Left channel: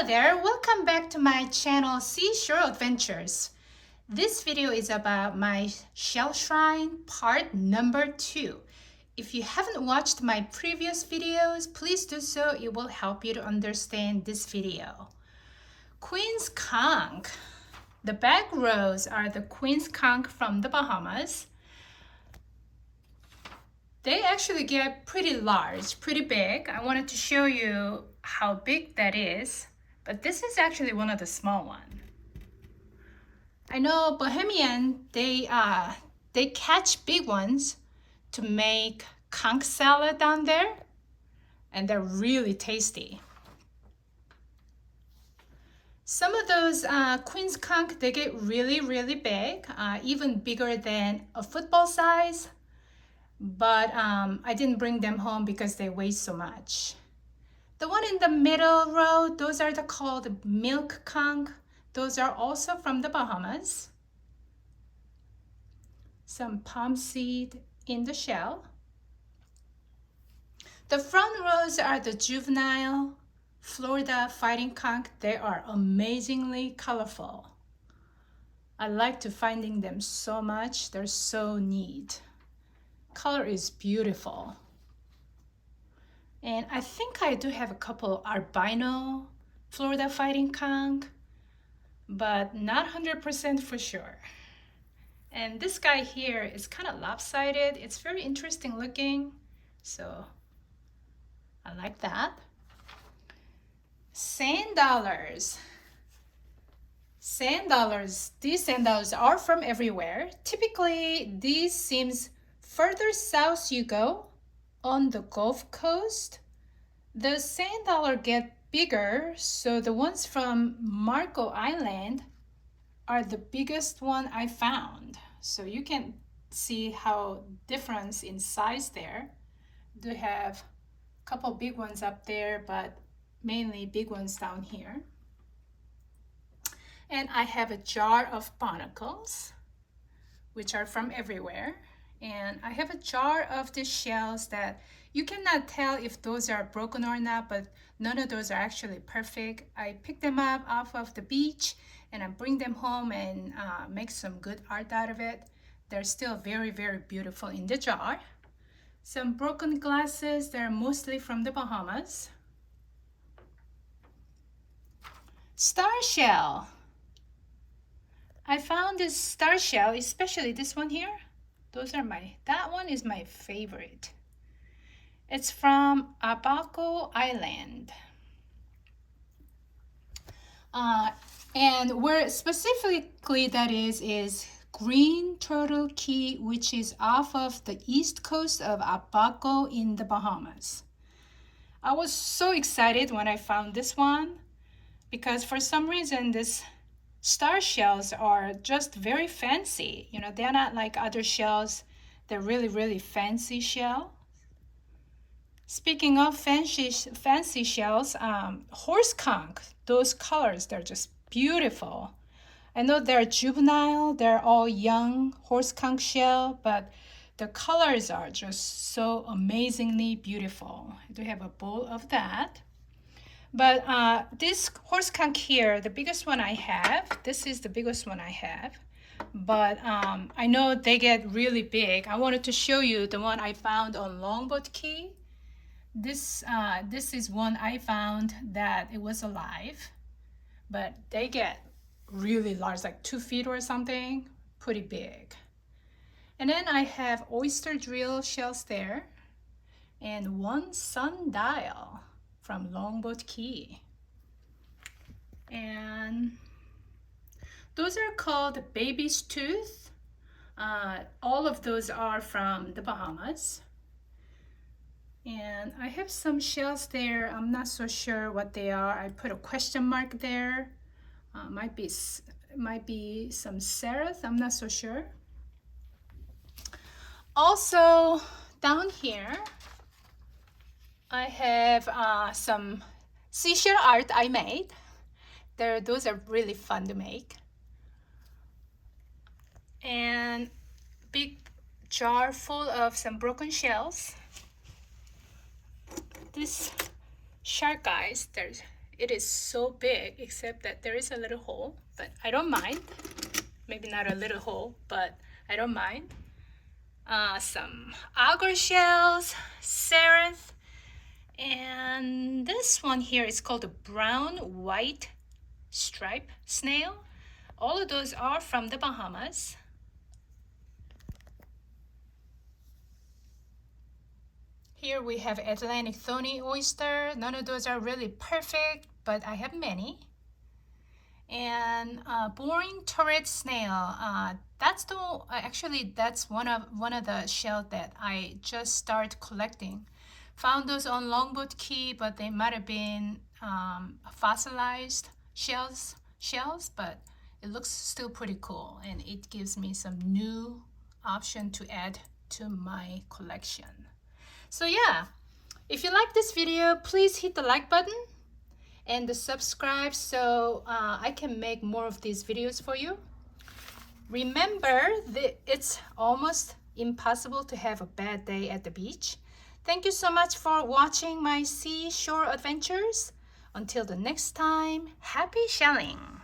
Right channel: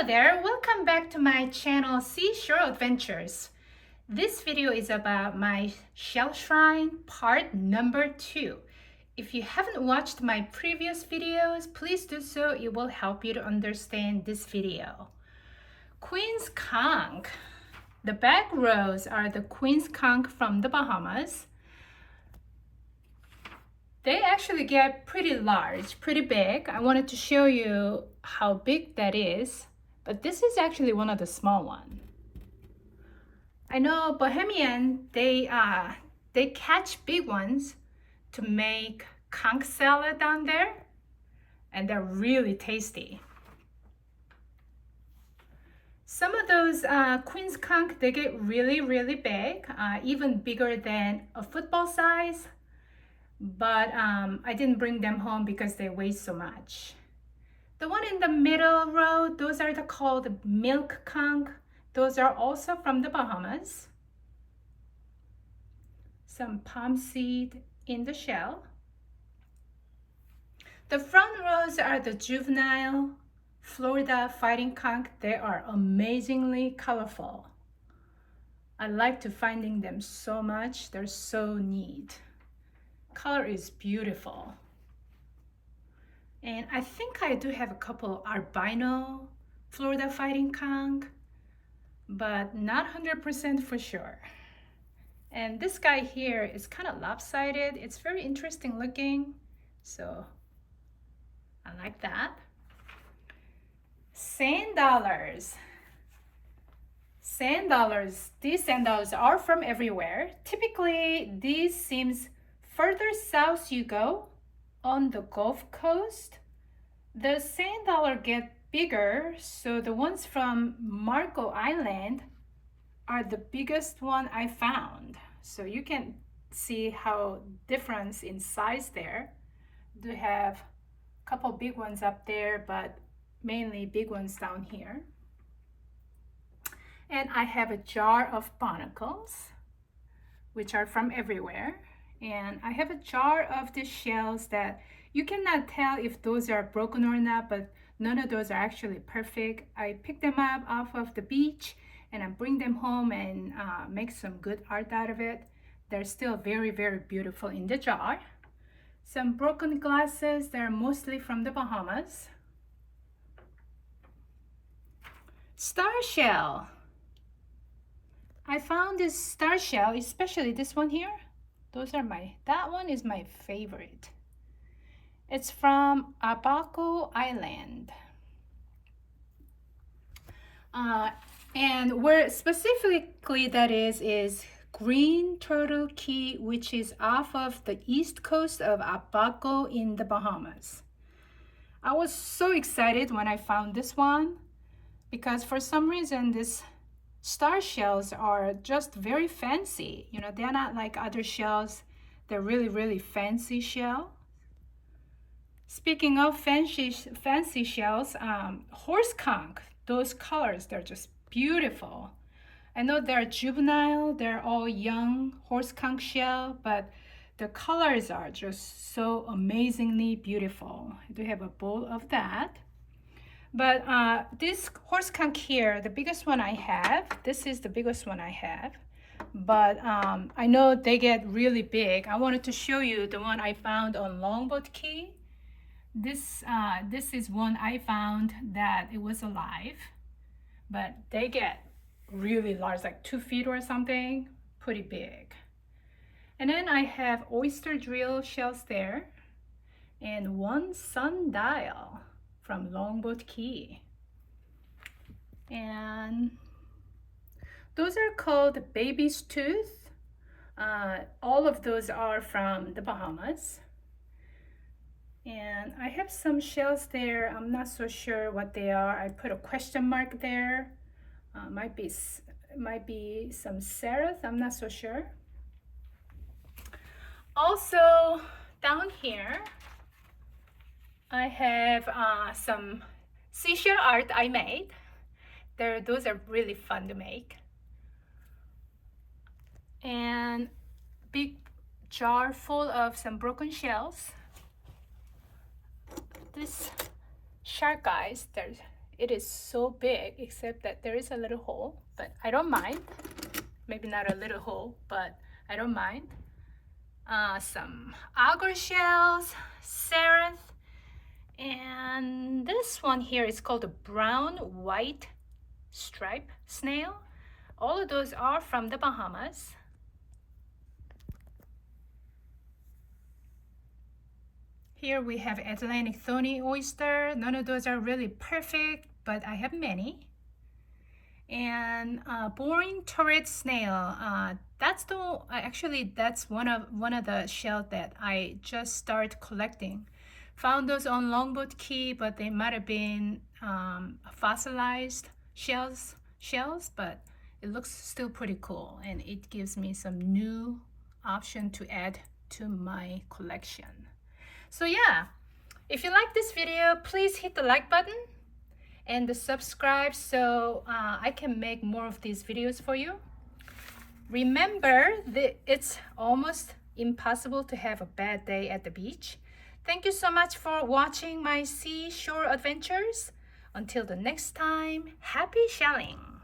Hello there, welcome back to my channel Seashore Adventures. This video is about my shell shrine part number 2. If you haven't watched my previous videos, please do so. It will help you to understand this video. Queen's conch. The back rows are the Queen's conch from the Bahamas. They actually get pretty large, pretty big. I wanted to show you how big that is, but this is actually one of the small ones. I know Bahamian, they catch big ones to make conch salad down there, and they're really tasty. Some of those Queen's conch, they get really big, even bigger than a football size. But I didn't bring them home because they weigh so much. The one in the middle row, those are called milk conch. Those are also from the Bahamas. Some palm seed in the shell. The front rows are the juvenile Florida fighting conch. They are amazingly colorful. I like to finding them so much. They're so neat. Color is beautiful. And I think I do have a couple albino Florida fighting conch, but not 100% for sure. And this guy here is kind of lopsided. It's very interesting looking, so I like that. Sand dollars. Sand dollars. These sand dollars are from everywhere. Typically, these seems further south you go on the Gulf Coast, the sand dollar get bigger, so the ones from Marco Island are the biggest one I found. So you can see how difference in size there. Do have a couple big ones up there, but mainly big ones down here. And I have a jar of barnacles, which are from everywhere. And I have a jar of the shells that you cannot tell if those are broken or not, but none of those are actually perfect. I pick them up off of the beach and I bring them home and make some good art out of it. They're still very beautiful in the jar. Some broken glasses, they're mostly from the Bahamas. Star shell. I found this star shell, especially this one here. That one is my favorite. It's from Abaco Island. And where specifically that is Green Turtle Key, which is off of the east coast of Abaco in the Bahamas. I was so excited when I found this one because for some reason this star shells are just very fancy. You know, they're not like other shells. They're really fancy shell. Speaking of fancy shells, horse conch, those colors, they're just beautiful. I know they're juvenile, they're all young horse conch shell, but the colors are just so amazingly beautiful. I do have a bowl of that. But this horse conch here, the biggest one I have, this is the biggest one I have. But I know they get really big. I wanted to show you the one I found on Longboat Key. This is one I found that it was alive. But they get really large, like 2 feet or something, pretty big. And then I have oyster drill shells there and one sundial from Longboat Key. And those are called baby's tooth. All of those are from the Bahamas. And I have some shells there. I'm not so sure what they are. I put a question mark there. Might be some seraph. I'm not so sure. Also down here, I have some seashell art I made. Those are really fun to make. And big jar full of some broken shells. This shark eyes, it is so big, except that there is a little hole, but I don't mind. Maybe not a little hole, but I don't mind. Some agar shells, seraph, and this one here is called a brown white stripe snail. All of those are from the Bahamas. Here we have Atlantic thorny oyster. None of those are really perfect, but I have many. And boring turret snail. That's one of the shells that I just started collecting. Found those on Longboat Key, but they might have been fossilized shells, but it looks still pretty cool, and it gives me some new option to add to my collection. So yeah, if you like this video, please hit the like button and the subscribe so I can make more of these videos for you. Remember that it's almost impossible to have a bad day at the beach. Thank you so much for watching my seashore adventures. Until the next time, happy shelling!